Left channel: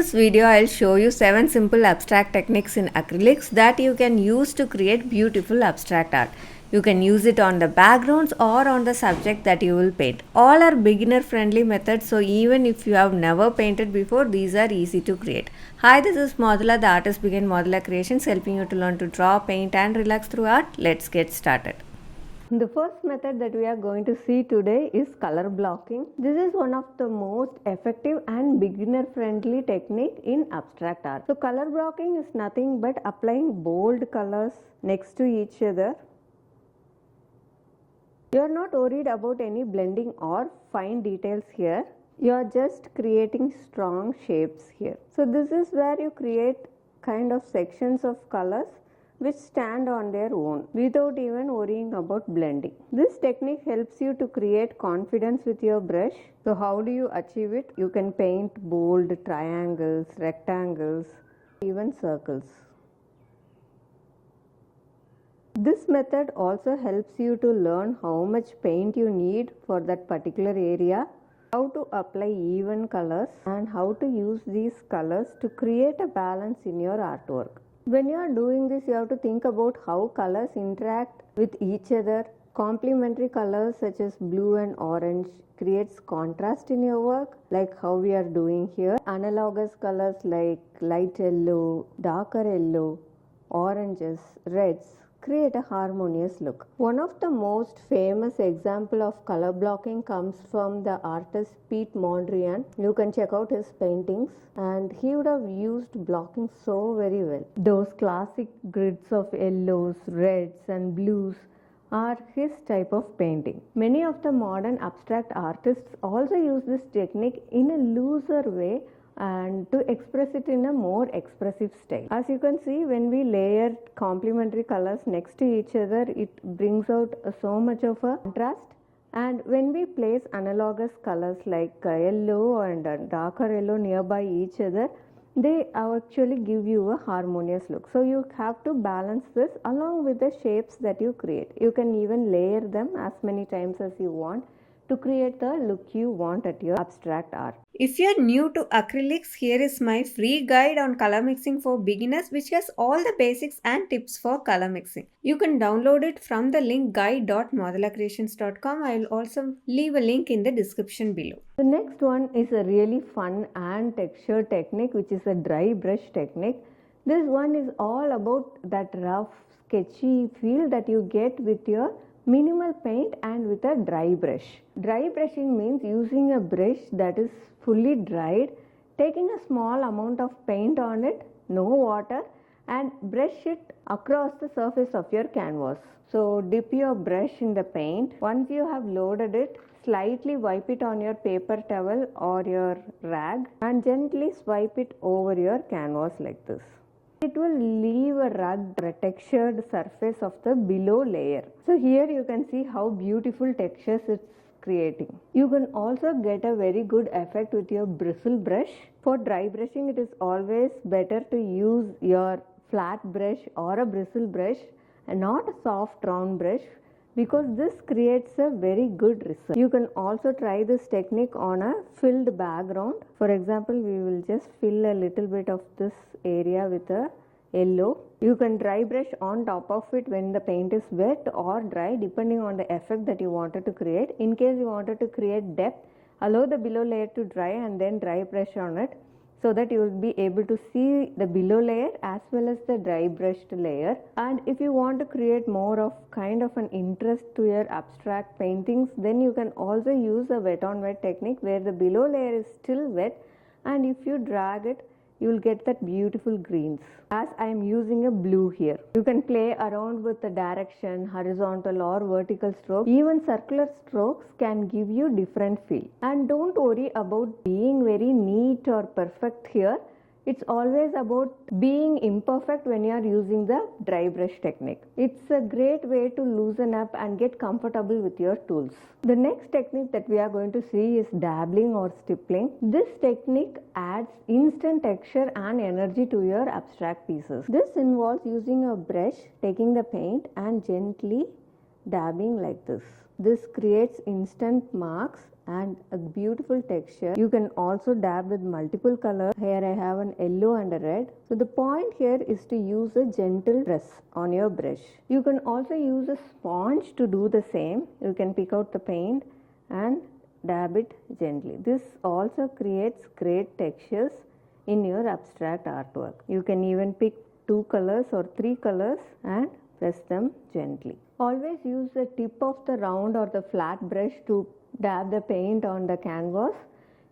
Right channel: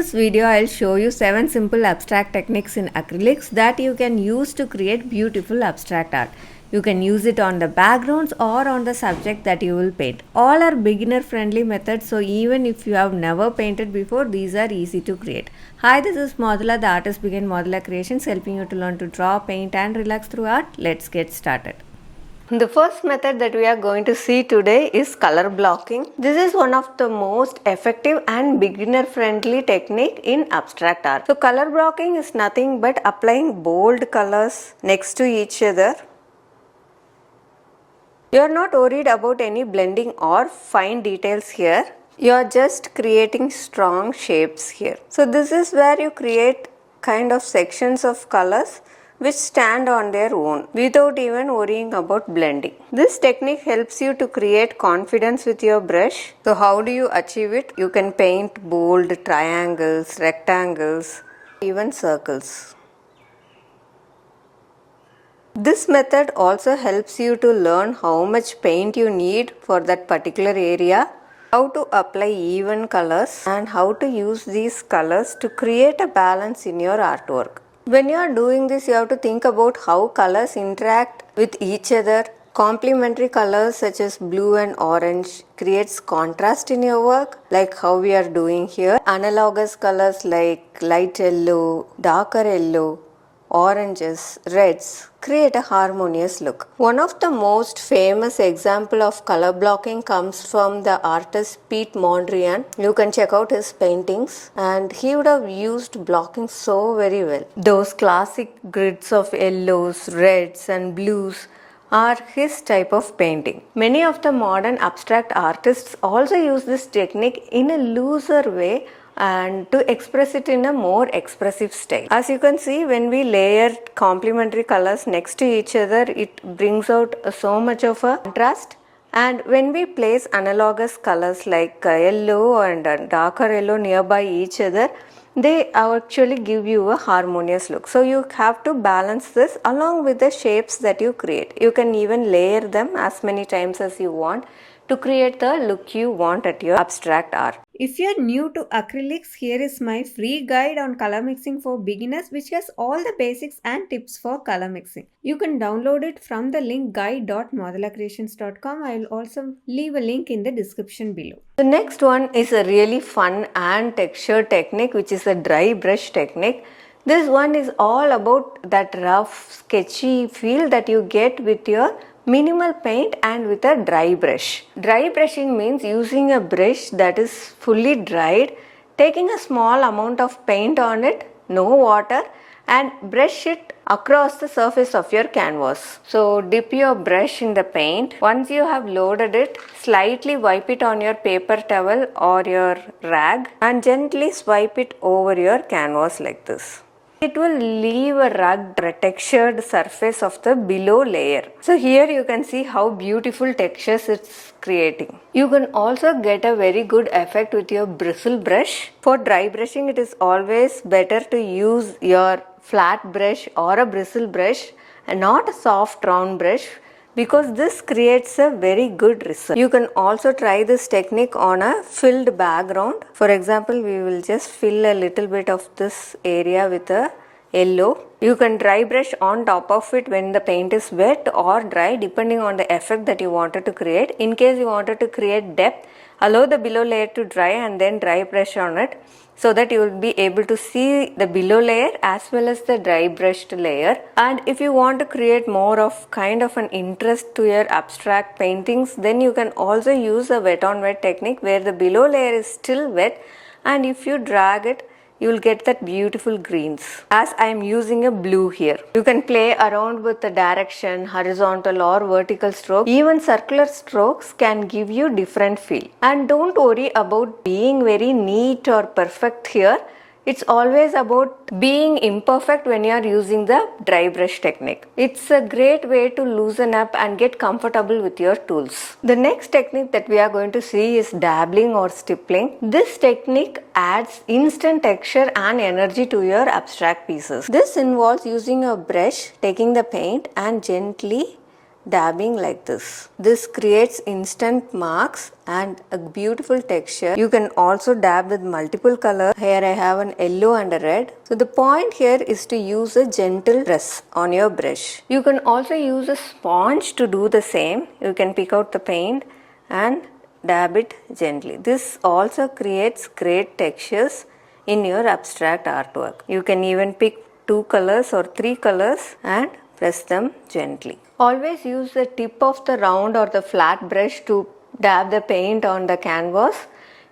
this video, I'll show you 7 simple abstract techniques in acrylics that you can use to create beautiful abstract art. You can use it on the backgrounds or on the subject that you will paint. All are beginner friendly methods, so even if you have never painted before, these are easy to create. Hi, this is Modula, the artist behind Modula Creations, helping you to learn to draw, paint and relax through art. Let's get started. The first method that we are going to see today is color blocking. This is one of the most effective and beginner friendly technique in abstract art. So color blocking is nothing but applying bold colors next to each other. You are not worried about any blending or fine details here. You are just creating strong shapes here. So this is where you create kind of sections of colors which stand on their own without even worrying about blending. This technique helps you to create confidence with your brush. So how do you achieve it? You can paint bold triangles, rectangles, even circles. This method also helps you to learn how much paint you need for that particular area, how to apply even colors, and how to use these colors to create a balance in your artwork. When you are doing this, you have to think about how colors interact with each other. Complementary colors such as blue and orange creates contrast in your work, like how we are doing here. Analogous colors like light yellow, darker yellow, oranges, reds create a harmonious look. One of the most famous example of color blocking comes from the artist Piet Mondrian. You can check out his paintings and he would have used blocking so very well. Those classic grids of yellows, reds and blues are his type of painting. Many of the modern abstract artists also use this technique in a looser way and to express it in a more expressive style. As you can see, when we layer complementary colors next to each other, it brings out so much of a contrast. And when we place analogous colors like yellow and darker yellow nearby each other, they actually give you a harmonious look. So you have to balance this along with the shapes that you create. You can even layer them as many times as you want to create the look you want at your abstract art. If you are new to acrylics, here is my free guide on color mixing for beginners, which has all the basics and tips for color mixing. You can download it from the link guide.modulacreations.com. I will also leave a link in the description below. The next one is a really fun and texture technique, which is a dry brush technique. This one is all about that rough, sketchy feel that you get with your minimal paint and with a dry brush. Dry brushing means using a brush that is fully dried, taking a small amount of paint on it, no water, and brush it across the surface of your canvas. So dip your brush in the paint. Once you have loaded it, slightly wipe it on your paper towel or your rag and swipe it over your canvas like this. It will leave a rugged, textured surface of the below layer. So here you can see how beautiful textures it's creating. You can also get a very good effect with your bristle brush. For dry brushing, it is always better to use your flat brush or a bristle brush and not a soft round brush, because this creates a very good result. You can also try this technique on a filled background. For example, we will just fill a little bit of this area with a yellow. You can dry brush on top of it when the paint is wet or dry, depending on the effect that you wanted to create. In case you wanted to create depth, allow the below layer to dry and then dry brush on it, so that you will be able to see the below layer as well as the dry brushed layer. And if you want to create more of kind of an interest to your abstract paintings, then you can also use a wet on wet technique where the below layer is still wet, and if you drag it, you will get that beautiful greens. As I am using a blue here. You can play around with the direction, horizontal or vertical stroke. Even circular strokes can give you different feel. And don't worry about being very neat or perfect here. It's always about being imperfect when you are using the dry brush technique. It's a great way to loosen up and get comfortable with your tools. The next technique that we are going to see is dabbling or stippling. This technique adds instant texture and energy to your abstract pieces. This involves using a brush, taking the paint and gently dabbing like this. This creates instant marks and a beautiful texture. You can also dab with multiple colors. Here I have an yellow and a red. So the point here is to use a gentle press on your brush. You can also use a sponge to do the same. You can pick out the paint and dab it gently. This also creates great textures in your abstract artwork. You can even pick 2 colors or 3 colors and press them gently. Always use the tip of the round or the flat brush to dab the paint on the canvas.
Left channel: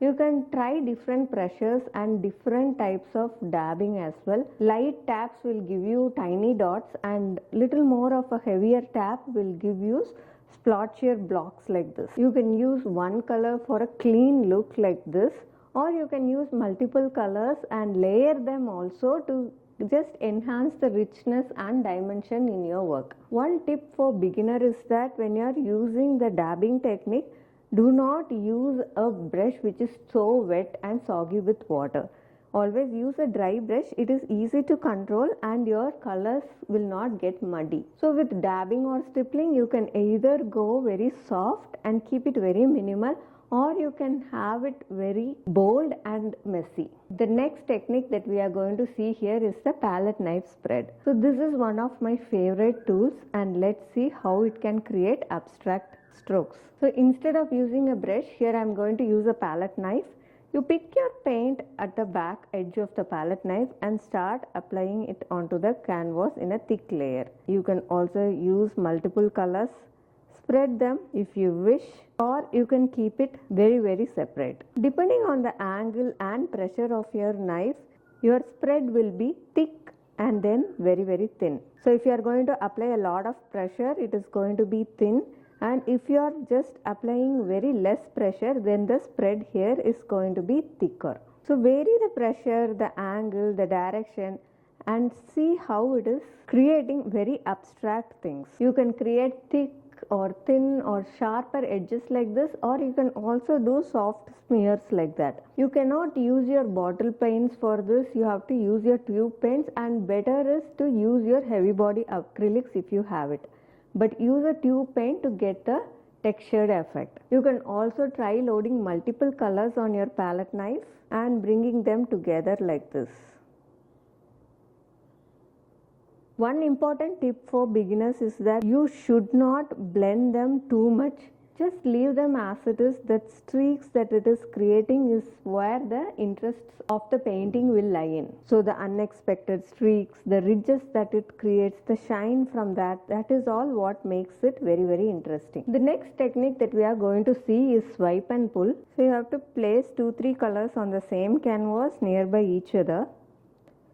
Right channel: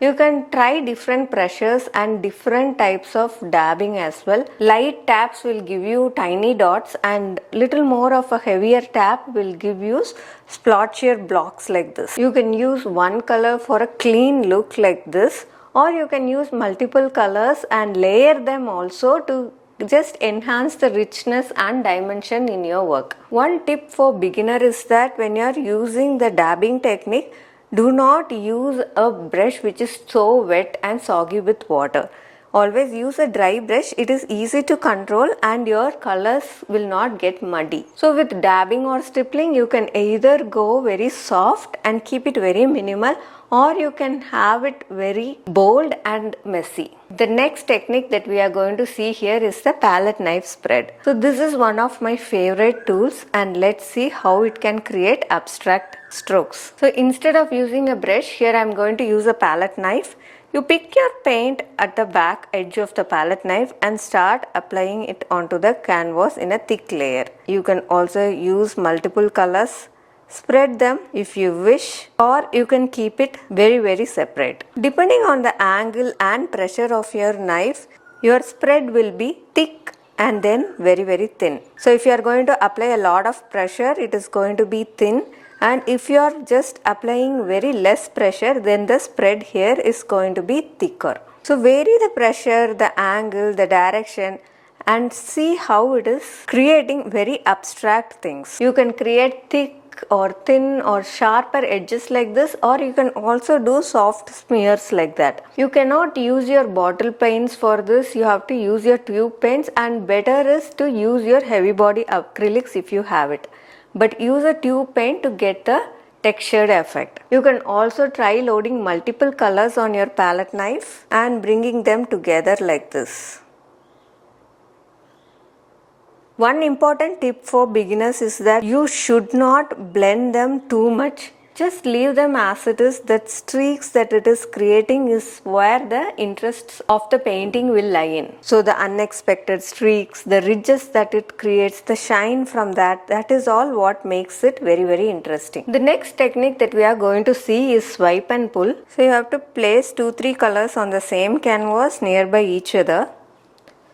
You can try different pressures and different types of dabbing as well. Light taps will give you tiny dots and little more of a heavier tap will give you splotchier blocks like this. You can use one color for a clean look like this, or you can use multiple colors and layer them also to just enhance the richness and dimension in your work. One tip for beginner is that when you are using the dabbing technique, do not use a brush which is so wet and soggy with water. Always use a dry brush. It is easy to control and your colors will not get muddy. So with dabbing or stippling, you can either go very soft and keep it very minimal, or you can have it very bold and messy. The next technique that we are going to see here is the palette knife spread. So this is one of my favorite tools, and let's see how it can create abstract strokes. So instead of using a brush, here I am going to use a palette knife. You pick your paint at the back edge of the palette knife and start applying it onto the canvas in a thick layer. You can also use multiple colors. Spread them if you wish, or you can keep it very separate. Depending on the angle and pressure of your knife, your spread will be thick and then very thin. So if you are going to apply a lot of pressure, it is going to be thin, and if you are just applying very less pressure, then the spread here is going to be thicker. So vary the pressure, the angle, the direction, and see how it is creating very abstract things. You can create thick or thin or sharper edges like this, or you can also do soft smears like that. You cannot use your bottle paints for this. You have to use your tube paints, and better is to use your heavy body acrylics if you have it. But use a tube paint to get the textured effect. You can also try loading multiple colors on your palette knife and bringing them together like this. One important tip for beginners is that you should not blend them too much. Just leave them as it is. That streaks that it is creating is where the interests of the painting will lie in. So the unexpected streaks, the ridges that it creates, the shine from that is all what makes it very interesting. The next technique that we are going to see is swipe and pull. So you have to place 2-3 colors on the same canvas nearby each other.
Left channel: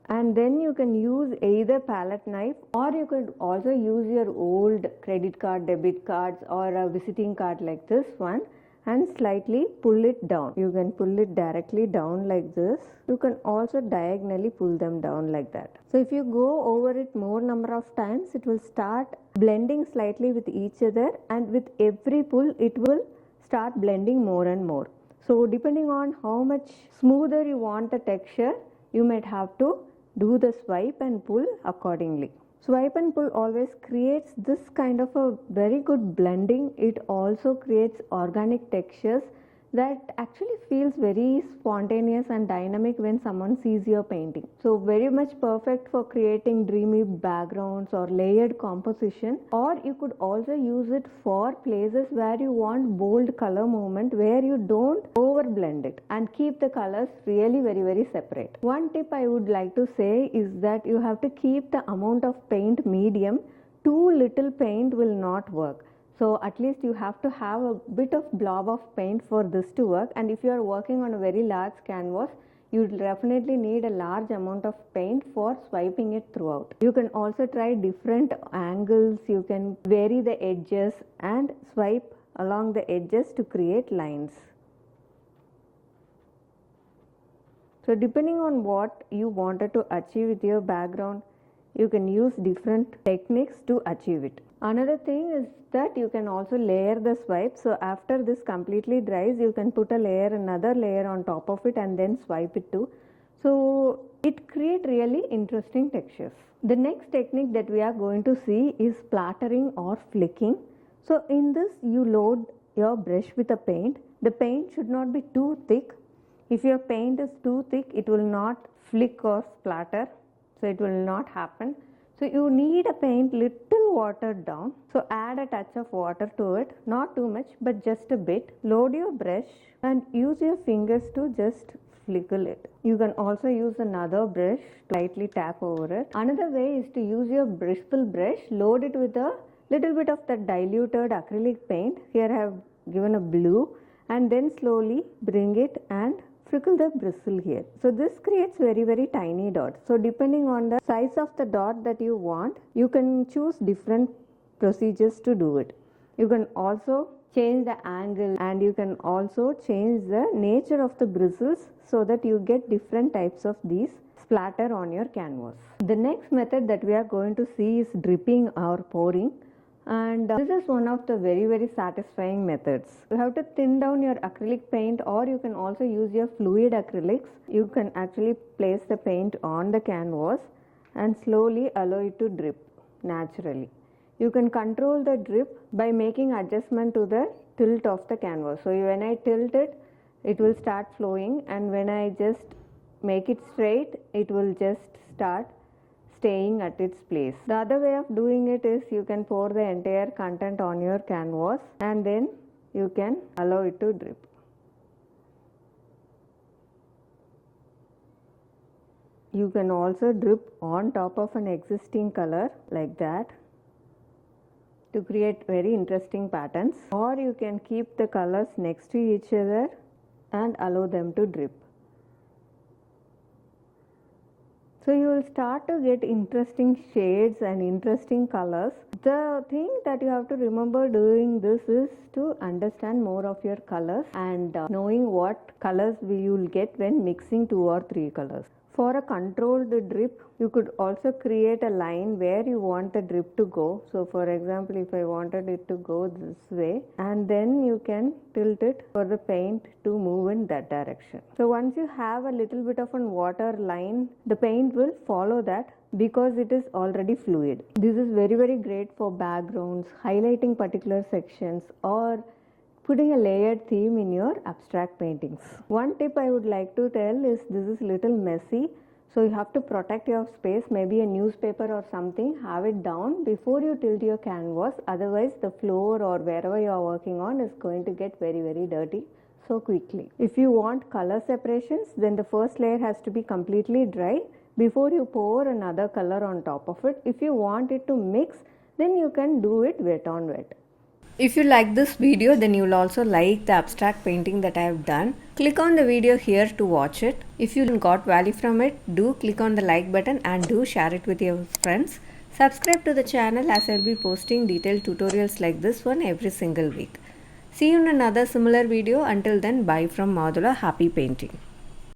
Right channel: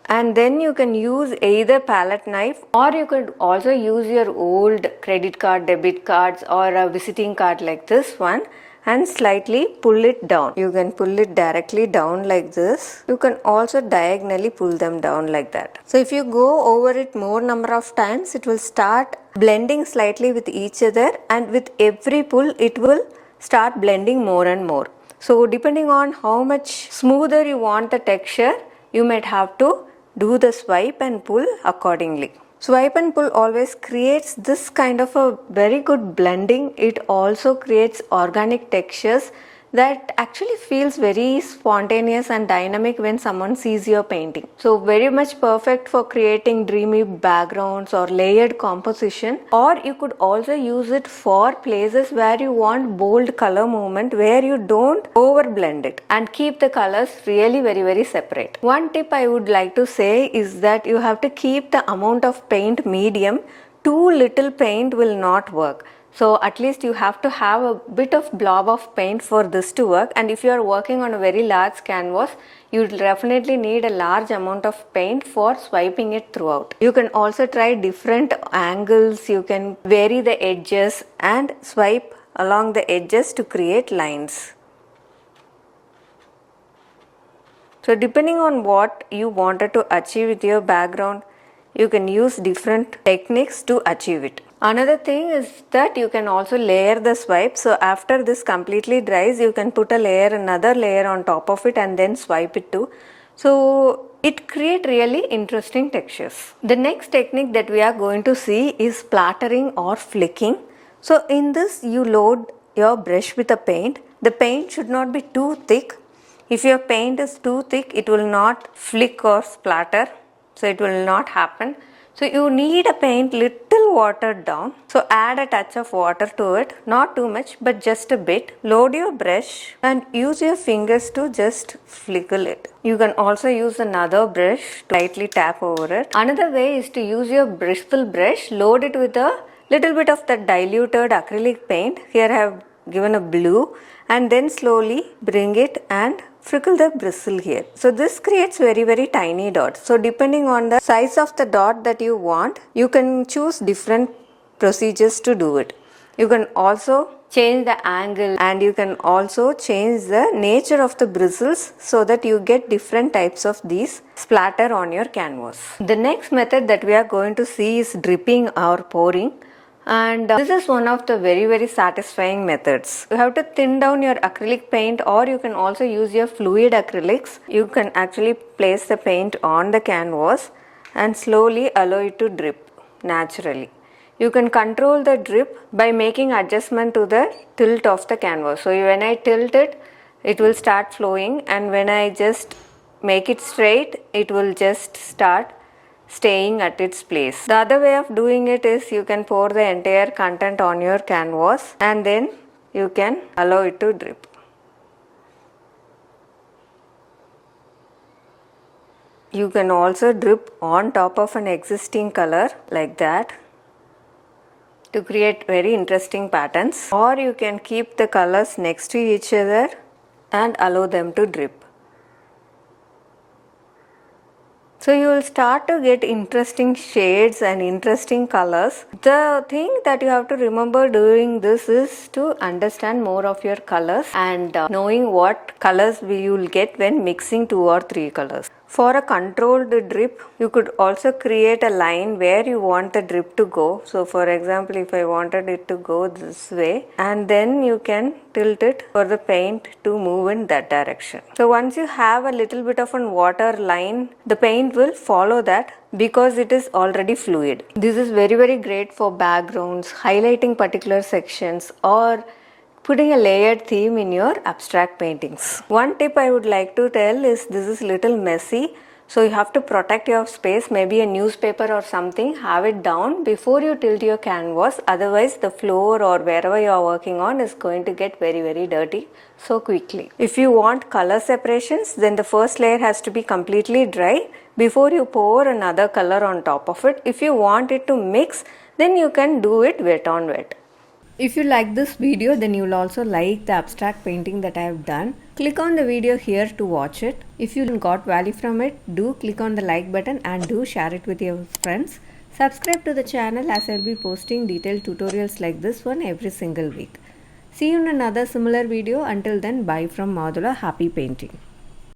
And then you can use either palette knife, or you could also use your old credit card, debit cards, or a visiting card like this one, and slightly pull it down. You can pull it directly down like this. You can also diagonally pull them down like that. So if you go over it more number of times, it will start blending slightly with each other, and with every pull it will start blending more and more. So depending on how much smoother you want the texture, you might have to do the swipe and pull accordingly. Swipe and pull always creates this kind of a very good blending. It also creates organic textures that actually feels very spontaneous and dynamic when someone sees your painting. So very much perfect for creating dreamy backgrounds or layered composition, or you could also use it for places where you want bold color movement, where you don't overblend it and keep the colors really very separate. One tip I would like to say is that you have to keep the amount of paint medium. Too little paint will not work. So at least you have to have a bit of blob of paint for this to work, and if you are working on a very large canvas, you will definitely need a large amount of paint for swiping it throughout. You can also try different angles. You can vary the edges and swipe along the edges to create lines. So depending on what you wanted to achieve with your background, you can use different techniques to achieve it. Another thing is that you can also layer the swipe. So after this completely dries, you can put another layer on top of it and then swipe it too. So it creates really interesting textures. The next technique that we are going to see is splattering or flicking. So in this, you load your brush with a paint. The paint should not be too thick. If your paint is too thick, it will not flick or splatter. So it will not happen. So you need a paint little watered down. So add a touch of water to it, not too much but just a bit. Load your brush and use your fingers to just flickle it. You can also use another brush to lightly tap over it. Another way is to use your bristle brush, load it with a little bit of that diluted acrylic paint. Here I have given a blue, and then slowly bring it and frickle the bristle here. So this creates very tiny dots. So depending on the size of the dot that you want, you can choose different procedures to do it. You can also change the angle and you can also change the nature of the bristles so that you get different types of these splatter on your canvas. The next method that we are going to see is dripping or pouring. And this is one of the very satisfying methods. You have to thin down your acrylic paint, or you can also use your fluid acrylics. You can actually place the paint on the canvas and slowly allow it to drip naturally. You can control the drip by making adjustment to the tilt of the canvas. So when I tilt it, it will start flowing, and when I just make it straight, it will just start staying at its place. The other way of doing it is you can pour the entire content on your canvas and then you can allow it to drip. You can also drip on top of an existing color like that to create very interesting patterns, or you can keep the colors next to each other and allow them to drip. So you will start to get interesting shades and interesting colors. The thing that you have to remember doing this is to understand more of your colors and knowing what colors you will get when mixing 2 or 3 colors. For a controlled drip, you could also create a line where you want the drip to go. So for example, if I wanted it to go this way, and then you can tilt it for the paint to move in that direction. So once you have a little bit of a water line, the paint will follow that because it is already fluid. This is very great for backgrounds, highlighting particular sections, or putting a layered theme in your abstract paintings. One tip I would like to tell is this is little messy, so you have to protect your space, maybe a newspaper or something, have it down before you tilt your canvas, otherwise the floor or wherever you are working on is going to get very dirty so quickly. If you want color separations, then the first layer has to be completely dry before you pour another color on top of it. If you want it to mix, then you can do it wet on wet. If you like this video, then you will also like the abstract painting that I have done. Click on the video here to watch it. If you got value from it, do click on the like button and do share it with your friends. Subscribe to the channel as I will be posting detailed tutorials like this one every single week. See you in another similar video. Until then, bye from Madhula. Happy painting.